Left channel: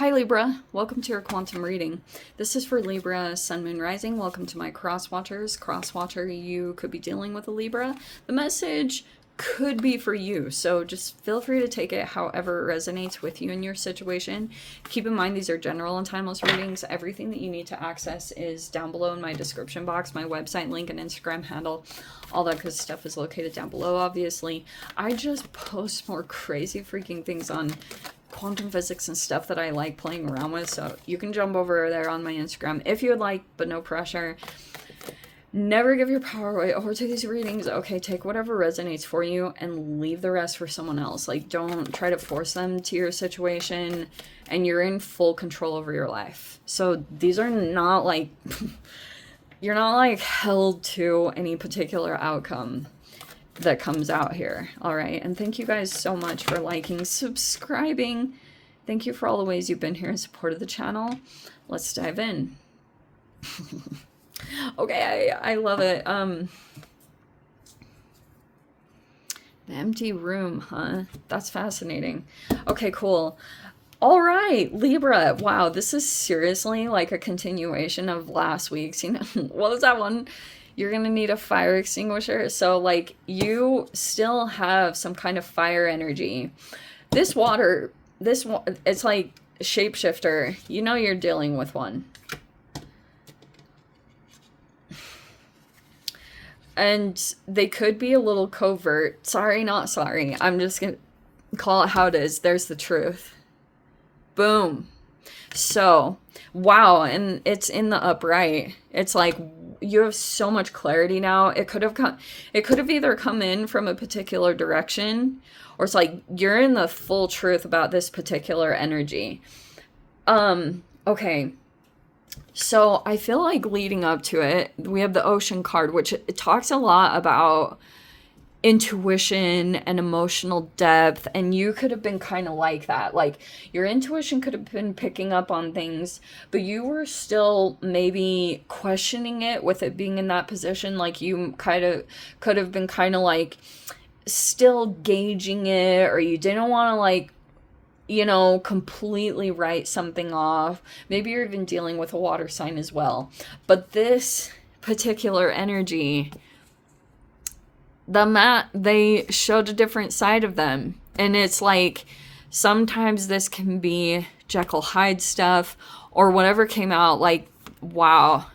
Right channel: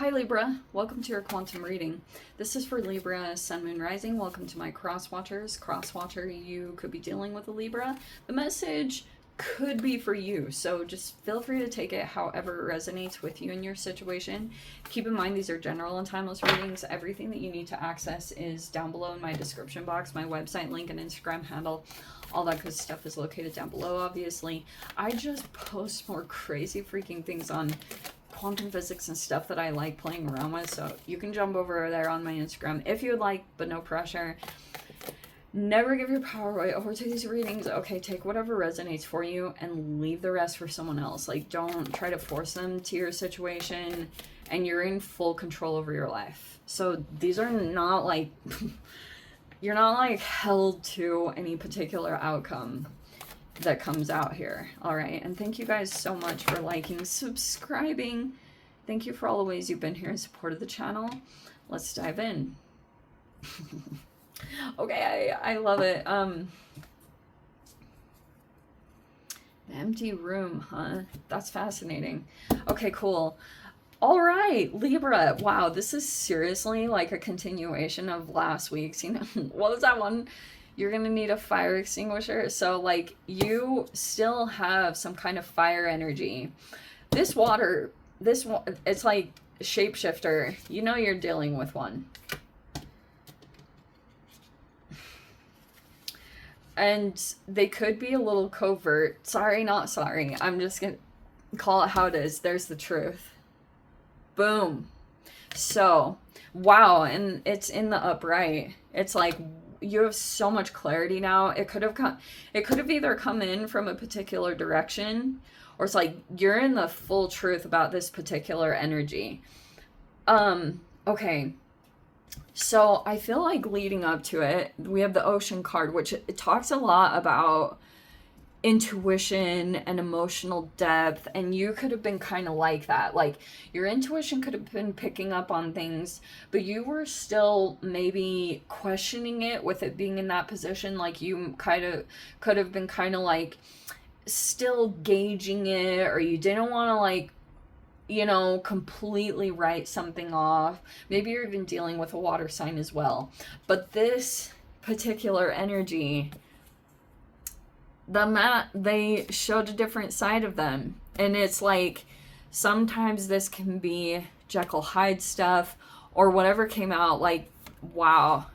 Hi Libra, welcome to your quantum reading. This is for Libra, Sun, Moon, Rising. Welcome to my cross watchers. Cross watcher, you could be dealing with a Libra. The message could be for you, so just feel free to take it however it resonates with you in your situation. Keep in mind these are general and timeless readings. Everything that you need to access is down below in my description box. My website link and Instagram handle, all that good stuff is located down below, obviously. I just post more crazy freaking things on quantum physics and stuff that I like playing around with, so you can jump over there on my Instagram if you would like, but no pressure. Never give your power away over to these readings. Okay, take whatever resonates for you and leave the rest for someone else. Like, don't try to force them to your situation, and you're in full control over your life. So these are not like you're not like held to any particular outcome that comes out here. All right, and thank you guys so much for liking, subscribing. Thank you for all the ways you've been here and supported the channel. Let's dive in. Okay, I love it. The empty room, huh? That's fascinating. Okay, cool. All right, Libra. Wow, this is seriously like a continuation of last week's. You know, what was that one? You're going to need a fire extinguisher. So, like, you still have some kind of fire energy. This water, it's like shapeshifter. You know you're dealing with one. And they could be a little covert. Sorry, not sorry. I'm just going to call it how it is. There's the truth. Boom. So, wow. And it's in the upright. It's like, you have so much clarity now. It could have either come in from a particular direction, or it's like you're in the full truth about this particular energy. Okay. So I feel like leading up to it, we have the Ocean card, which it talks a lot about intuition and emotional depth, and you could have been kind of like that. Like, your intuition could have been picking up on things, but you were still maybe questioning it with it being in that position. Like, you kind of could have been kind of like still gauging it, or you didn't want to, like, you know, completely write something off. Maybe you're even dealing with a water sign as well. But this particular energy, they showed a different side of them. And it's like, sometimes this can be Jekyll Hyde stuff, or whatever came out, like, wow.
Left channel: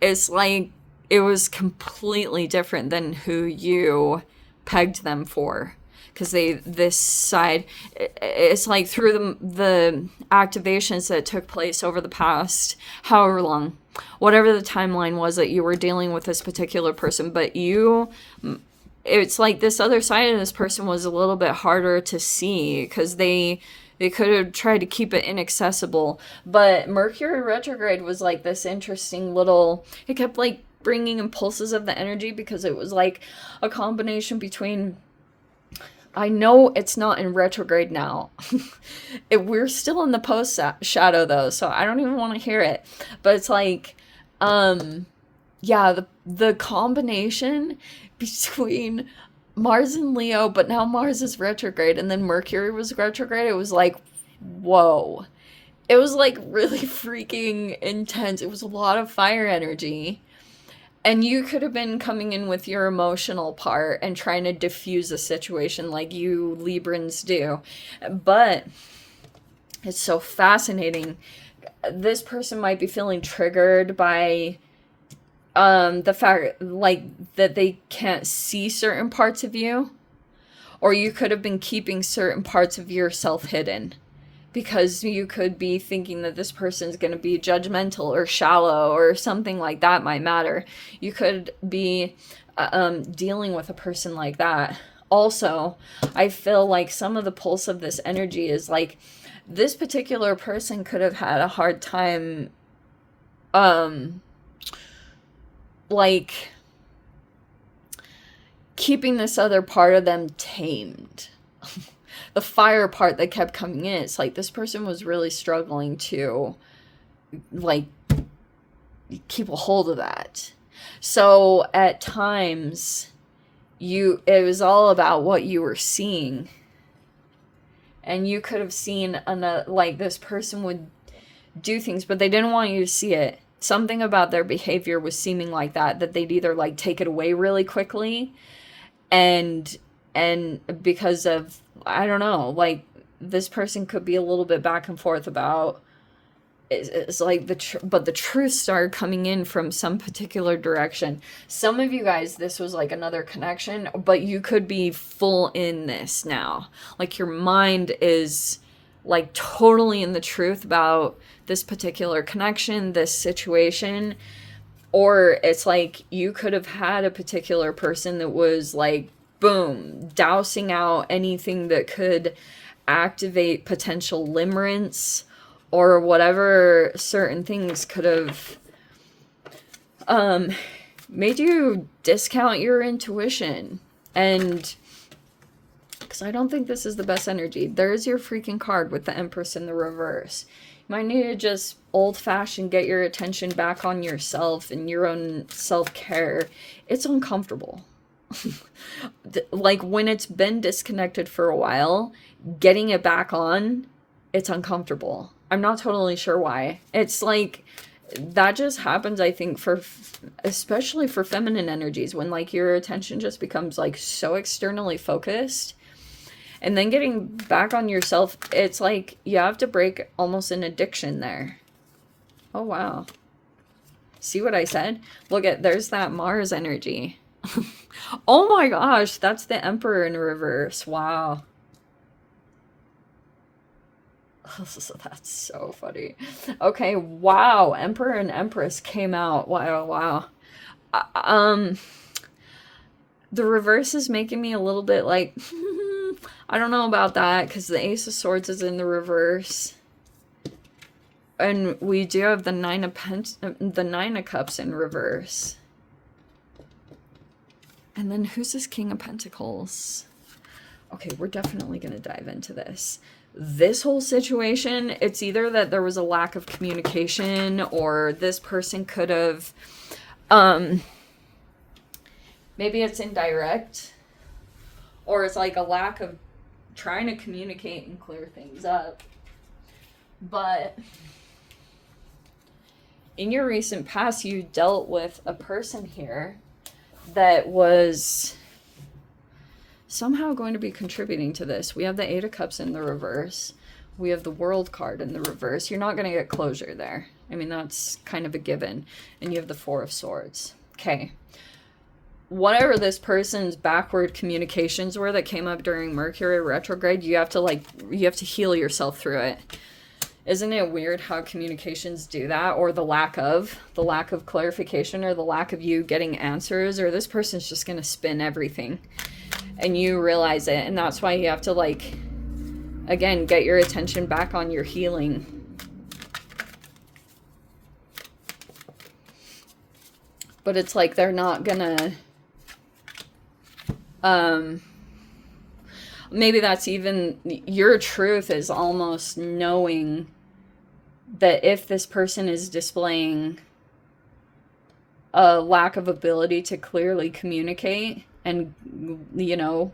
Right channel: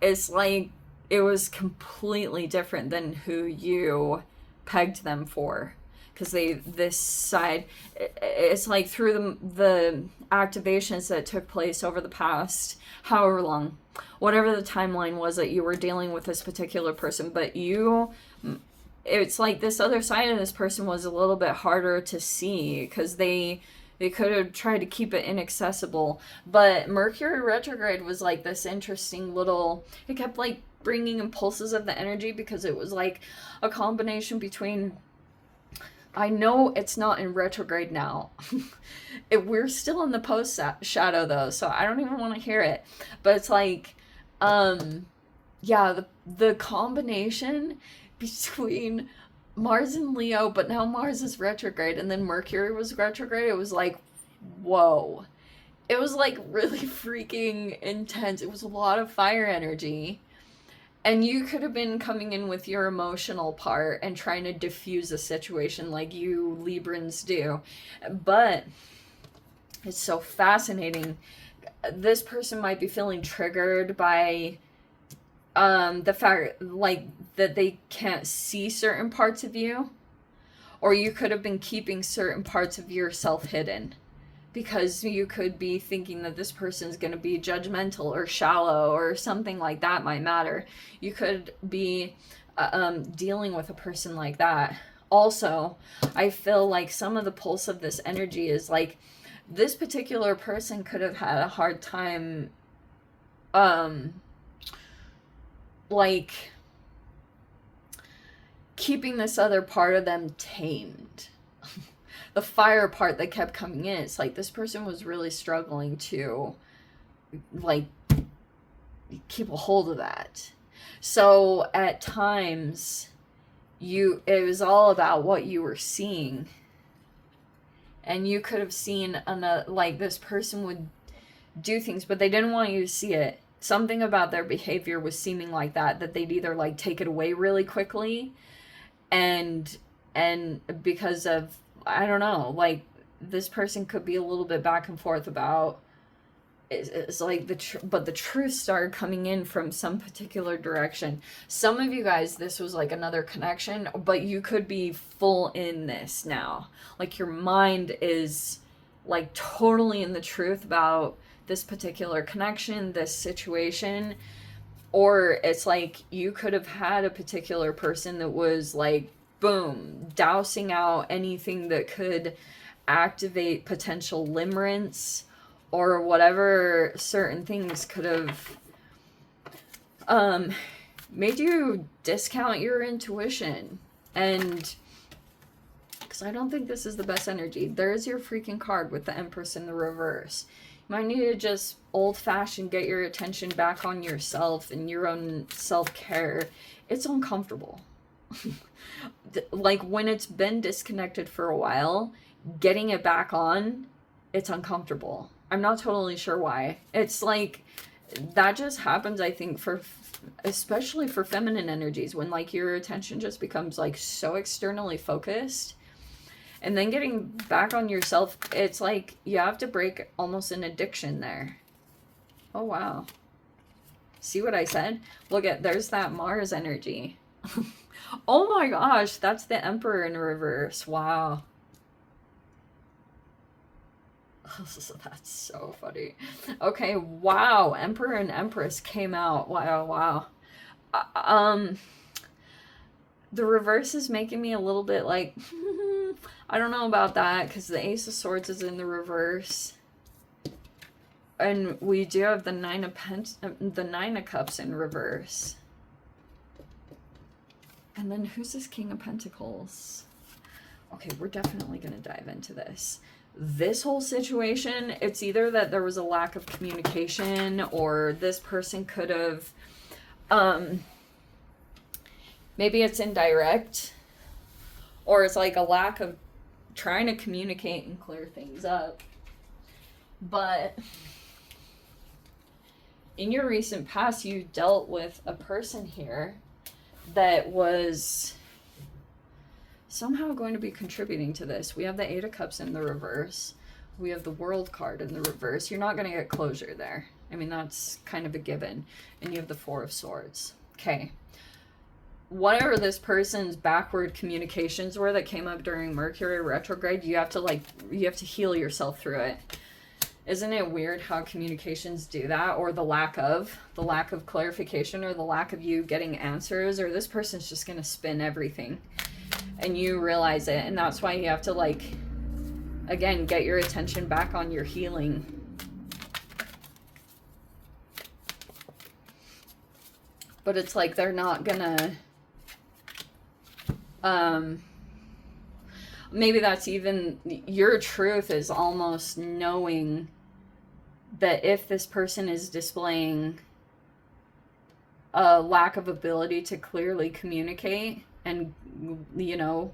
It's like, it was completely different than who you pegged them for. Because this side, it's like through the activations that took place over the past however long, whatever the timeline was that you were dealing with this particular person, but it's like this other side of this person was a little bit harder to see, because they could have tried to keep it inaccessible. But Mercury retrograde was like this interesting little, it kept like bringing impulses of the energy, because it was like a combination between, I know it's not in retrograde now. We're still in the post shadow though, so I don't even want to hear it. But it's like, yeah, the combination between Mars and Leo, but now Mars is retrograde, and then Mercury was retrograde. It was like, whoa. It was like really freaking intense. It was a lot of fire energy. And you could have been coming in with your emotional part and trying to diffuse a situation like you Librans do. But it's so fascinating. This person might be feeling triggered by the fact, like, that they can't see certain parts of you. Or you could have been keeping certain parts of yourself hidden, because you could be thinking that this person's going to be judgmental or shallow, or something like that might matter. You could be dealing with a person like that. Also, I feel like some of the pulse of this energy is like, this particular person could have had a hard time, like, keeping this other part of them tamed. The fire part that kept coming in, it's like this person was really struggling to, like, keep a hold of that. So at times, it was all about what you were seeing. And you could have seen like this person would do things, but they didn't want you to see it. Something about their behavior was seeming like that they'd either like take it away really quickly, and because of, I don't know, like this person could be a little bit back and forth about, it's like but the truth started coming in from some particular direction. Some of you guys, this was like another connection, but you could be full in this now. Like your mind is like totally in the truth about this particular connection, this situation. Or it's like you could have had a particular person that was like, boom, dousing out anything that could activate potential limerence, or whatever certain things could have made you discount your intuition. And because I don't think this is the best energy. There's your freaking card with the Empress in the reverse. You might need to just old-fashioned get your attention back on yourself and your own self-care. It's uncomfortable. Like when it's been disconnected for a while, getting it back on, it's uncomfortable. I'm not totally sure why. It's like that just happens, I think, for especially for feminine energies, when like your attention just becomes like so externally focused. And then getting back on yourself, it's like you have to break almost an addiction there. Oh, wow. See what I said? Look at, there's that Mars energy. Oh my gosh, that's the Emperor in reverse. Wow. That's so funny. Okay, wow. Emperor and Empress came out. Wow, wow. The reverse is making me a little bit like, I don't know about that, because the Ace of Swords is in the reverse. And we do have the Nine of Cups in reverse. And then who's this King of Pentacles? Okay, we're definitely going to dive into this. This whole situation, it's either that there was a lack of communication, or this person could have, maybe it's indirect, or it's like a lack of trying to communicate and clear things up. But in your recent past, you dealt with a person here that was somehow going to be contributing to this. We have the Eight of Cups in the reverse. We have the World card in the reverse. You're not going to get closure there. I mean, that's kind of a given. And you have the Four of Swords. Okay. Whatever this person's backward communications were that came up during Mercury retrograde, you have to heal yourself through it. Isn't it weird how communications do that, or the lack of clarification, or the lack of you getting answers, or this person's just going to spin everything and you realize it. And that's why you have to, like, again, get your attention back on your healing. But it's like they're not gonna, maybe that's even, your truth is almost knowing that if this person is displaying a lack of ability to clearly communicate, and, you know,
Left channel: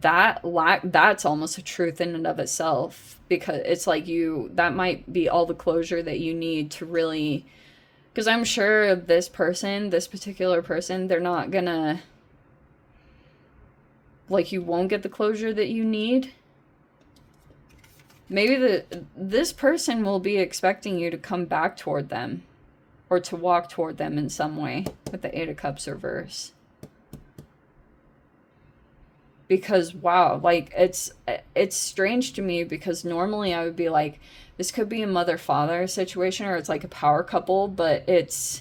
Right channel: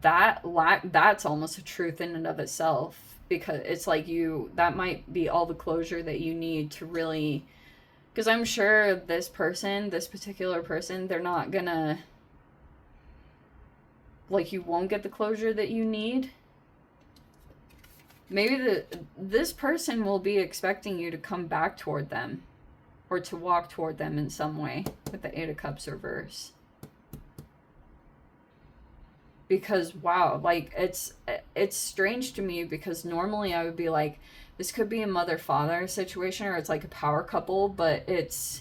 that's almost a truth in and of itself, because it's like that might be all the closure that you need to really, because I'm sure this particular person, they're not gonna, like, you won't get the closure that you need. Maybe this person will be expecting you to come back toward them, or to walk toward them in some way, with the Eight of Cups reverse. Because, wow, like, it's strange to me, because normally I would be like, this could be a mother-father situation, or it's like a power couple, but it's,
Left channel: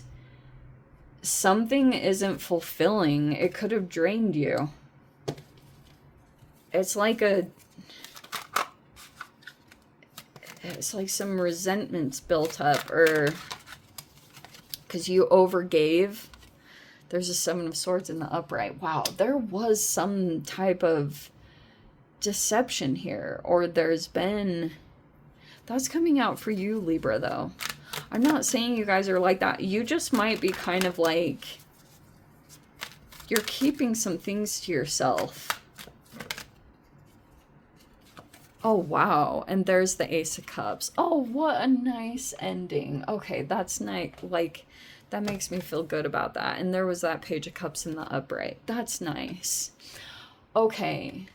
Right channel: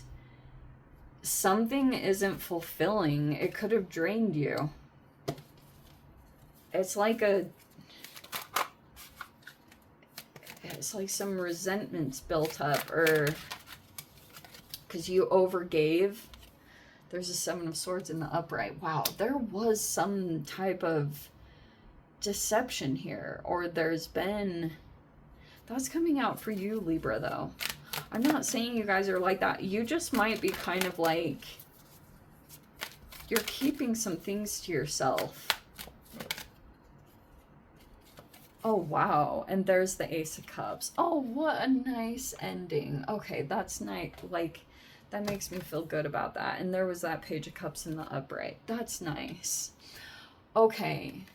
something isn't fulfilling. It could have drained you. It's like some resentments built up, or because you overgave. There's a Seven of Swords in the upright. Wow, there was some type of deception here, or there's been, that's coming out for you, Libra, though. I'm not saying you guys are like that. You just might be kind of like, you're keeping some things to yourself. Oh, wow. And there's the Ace of Cups. Oh, what a nice ending. Okay, that's nice. Like, that makes me feel good about that. And there was that Page of Cups in the upright. That's nice. Okay.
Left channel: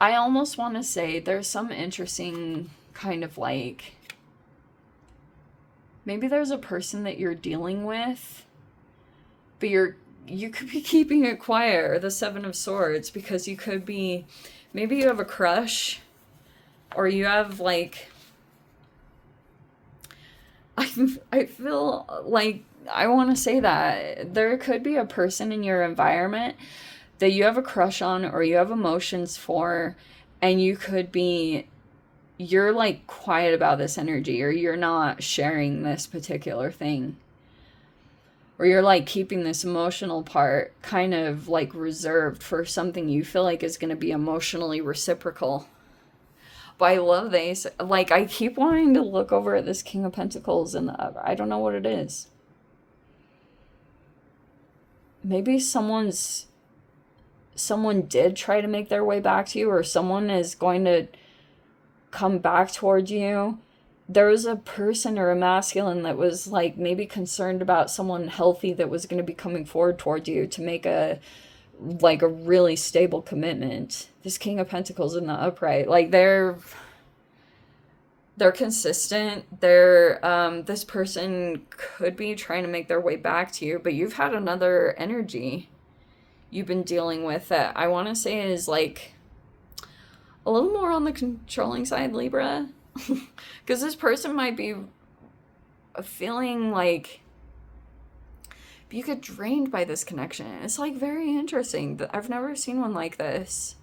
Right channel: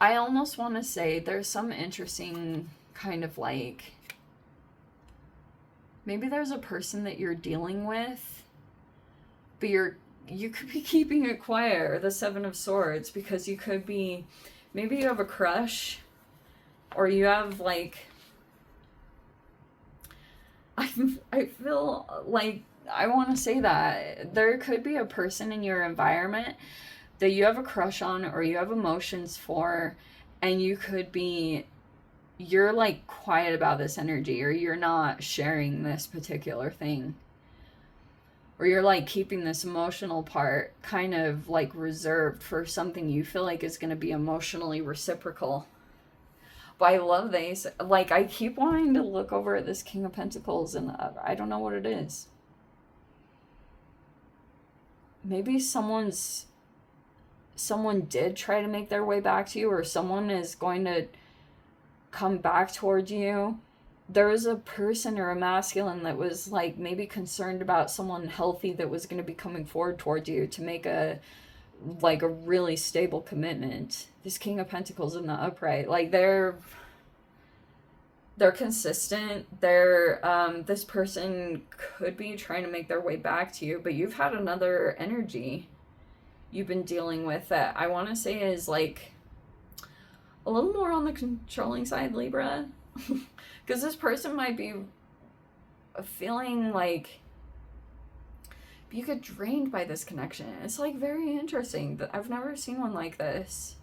I almost want to say there's some interesting kind of like, maybe there's a person that you're dealing with, but you could be keeping it quiet, or the Seven of Swords, because you could be, maybe you have a crush, or you have like, I feel like I want to say that there could be a person in your environment that you have a crush on or you have emotions for, and you're like quiet about this energy, or you're not sharing this particular thing, or you're like keeping this emotional part kind of like reserved for something you feel like is going to be emotionally reciprocal. But I love these. Like, I keep wanting to look over at this King of Pentacles, and I don't know what it is. Maybe someone did try to make their way back to you, or someone is going to come back towards you. There was a person or a masculine that was like maybe concerned about someone healthy that was going to be coming forward towards you to make a really stable commitment. This King of Pentacles in the upright, like they're consistent. This person could be trying to make their way back to you, but you've had another energy you've been dealing with that I want to say is like a little more on the controlling side, Libra. Because this person might be feeling like you get drained by this connection. It's like very interesting. I've never seen one like this.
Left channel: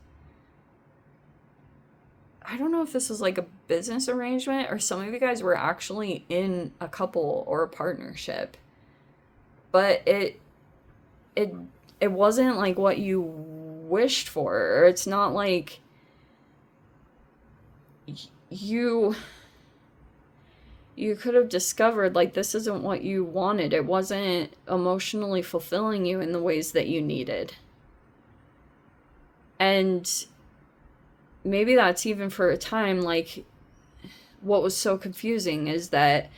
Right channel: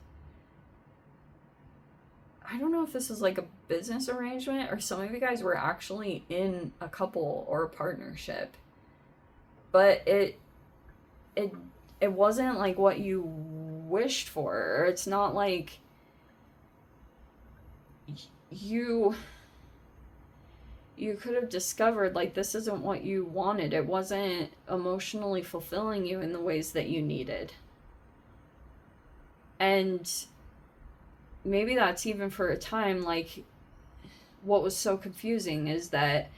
I don't know if this is like a business arrangement or some of you guys were actually in a couple or a partnership. But it wasn't like what you wished for. Or it's not like you could have discovered like this isn't what you wanted. It wasn't emotionally fulfilling you in the ways that you needed. And maybe that's even for a time. Like, what was so confusing is that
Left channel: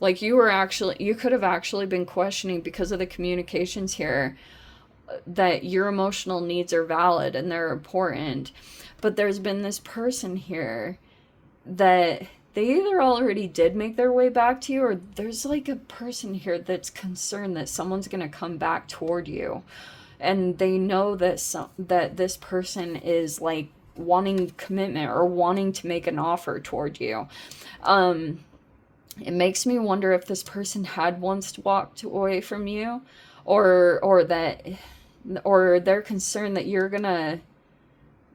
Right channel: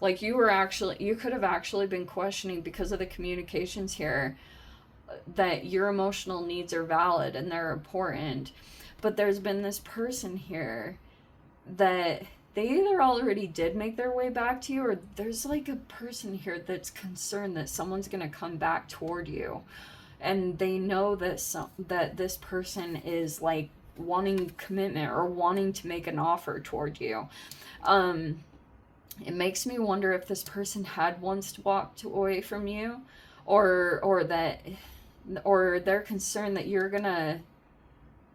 like you could have actually been questioning, because of the communications here, that your emotional needs are valid and they're important. But there's been this person here that they either already did make their way back to you, or there's like a person here that's concerned that someone's going to come back toward you, and they know that this person is like wanting commitment or wanting to make an offer toward you. It makes me wonder if this person had once walked away from you, or they're concerned that you're gonna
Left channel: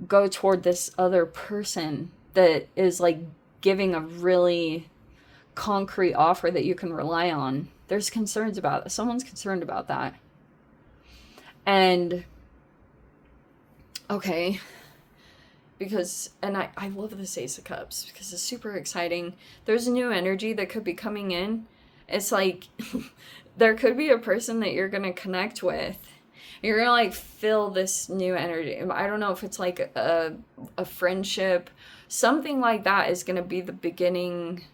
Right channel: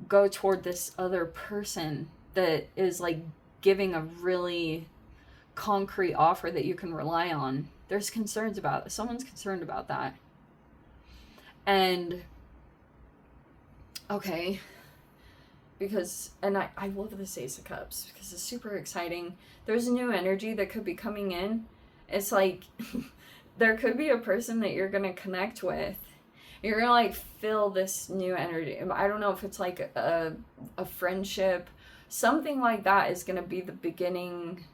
go toward this other person that is like giving a really concrete offer that you can rely on. There's concerns about it. Someone's concerned about that. And okay, because, and I love this Ace of Cups because it's super exciting. There's a new energy that could be coming in. It's like there could be a person that you're gonna connect with. You're gonna like feel this new energy. I don't know if it's like a friendship, something like that is gonna be the beginning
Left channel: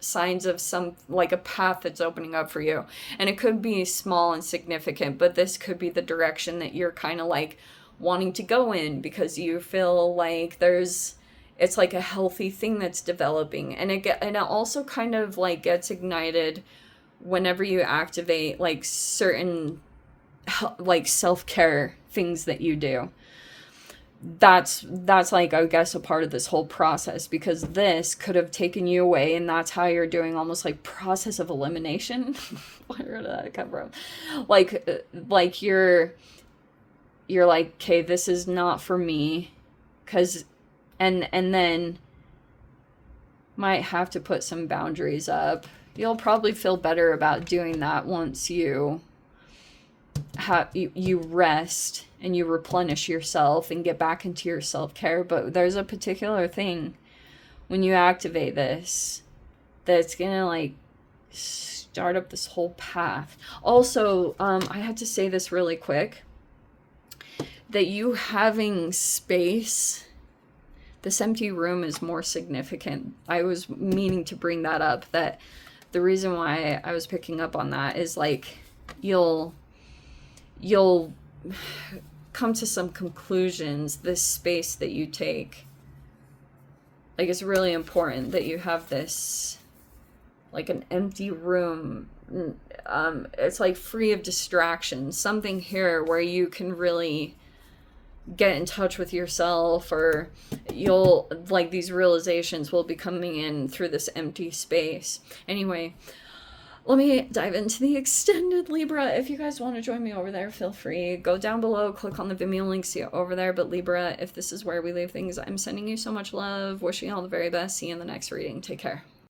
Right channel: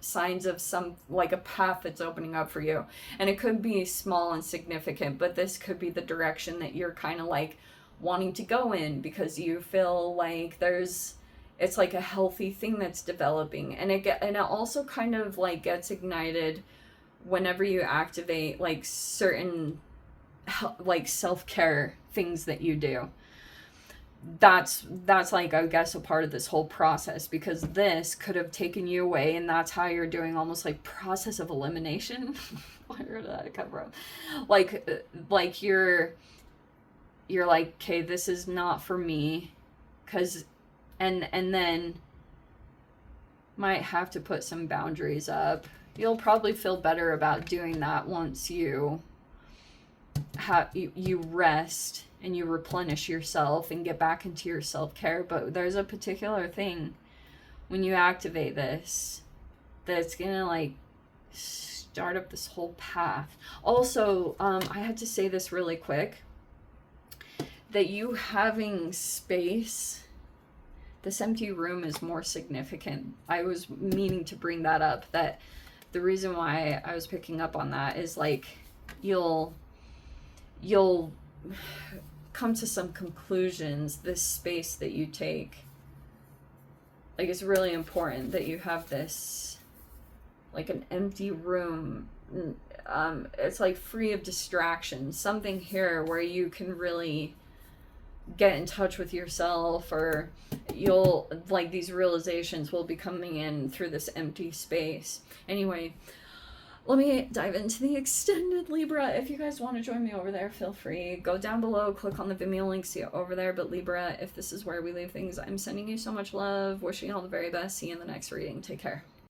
signs of some like a path that's opening up for you. And it could be small and significant, but this could be the direction that you're kind of like wanting to go in, because you feel like it's like a healthy thing that's developing. And it also kind of like gets ignited whenever you activate like certain like self-care things that you do. That's like, I guess, a part of this whole process, because this could have taken you away, and that's how you're doing almost like process of elimination. Where did that come from? Like you're like, okay, this is not for me, because and then might have to put some boundaries up. You'll probably feel better about doing that once you rest and you replenish yourself and get back into your self-care. But there's a particular thing when you activate this that's gonna like start up this whole path. Also, I had to say this really quick, that you having space, this empty room is more significant. I was meaning to bring that up, that the reason why I was picking up on that is like you'll come to some conclusions. This space that you take, like, it's really important that you have this, like, an empty room. It's like free of distractions, something here where you can really get in touch with yourself, or you'll, like, these realizations will be coming in through this empty space. Anyway, let me dive into the extended Libra. If you guys want to join me over there, feel free. Go down below, click on the Vimeo link, see it over there. But Libra, if this is where we leave things, I'm sending you so much love, wishing you all the very best. See you in the next reading. Take care.